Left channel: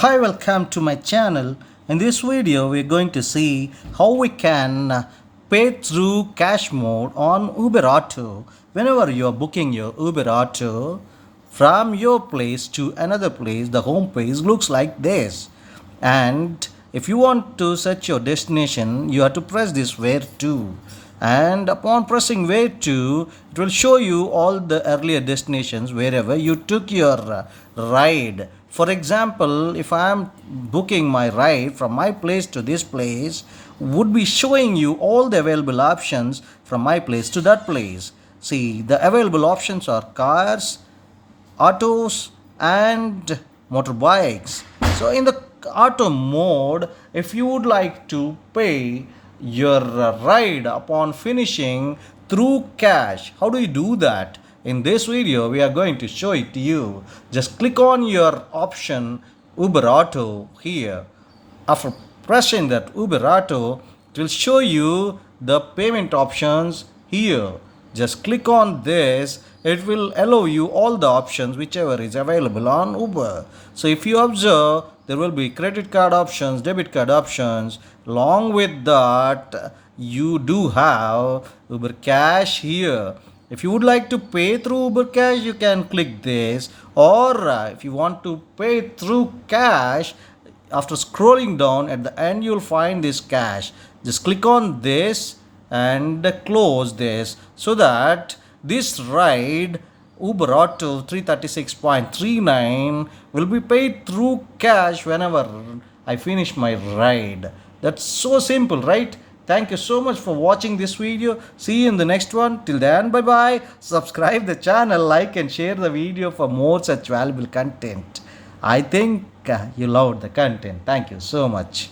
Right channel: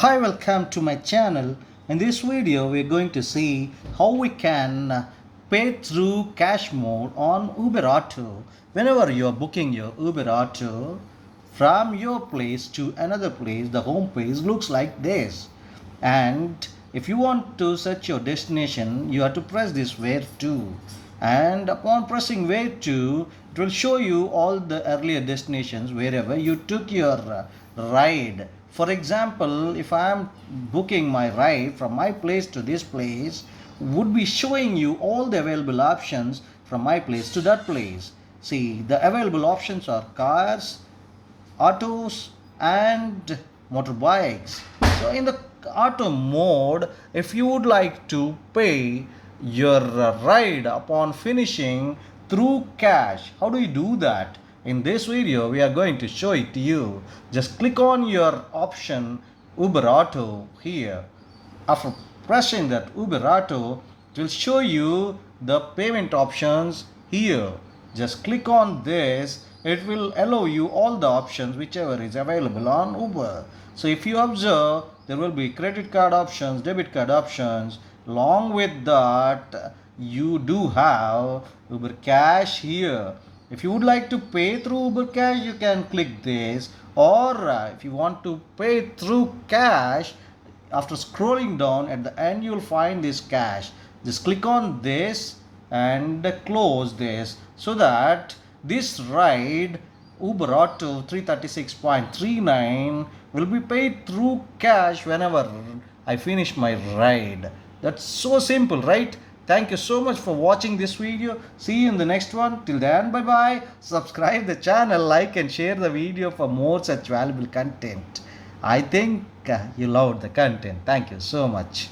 Hi, welcome to my channel. In this video, we're going to see how we can pay through cash mode on Uber Auto. Whenever you're booking your Uber Auto from your place to another place, the home page looks like this. And if you want to set your destination, you have to press this where to. And upon pressing where to, it will show you all the earlier destinations wherever you took your ride. For example, if I am booking my ride from my place to this place, would be showing you all the available options from my place to that place. See, the available options are cars, autos and motorbikes. So in the auto mode, if you would like to pay your ride upon finishing through cash, how do you do that? In this video we are going to show it to you. Just click on your option Uber Auto here. After pressing that Uber Auto, it will show you the payment options here. Just click on this. It will allow you all the options whichever is available on Uber. So if you observe, there will be credit card options, debit card options. Along with that, you do have Uber Cash here. If you would like to pay through Uber Cash, you can click this. Or if you want to pay through cash, after scrolling down at the end you'll find this cash. Just click on this and close this so that this ride Uber Auto 336.39 will be paid through cash whenever I finish my ride. That's so simple, right? Thank you so much for watching this video. See you in the next one. Till then, bye bye. Subscribe the channel, like and share the video for more such valuable content. I think you loved the content. Thank you so much.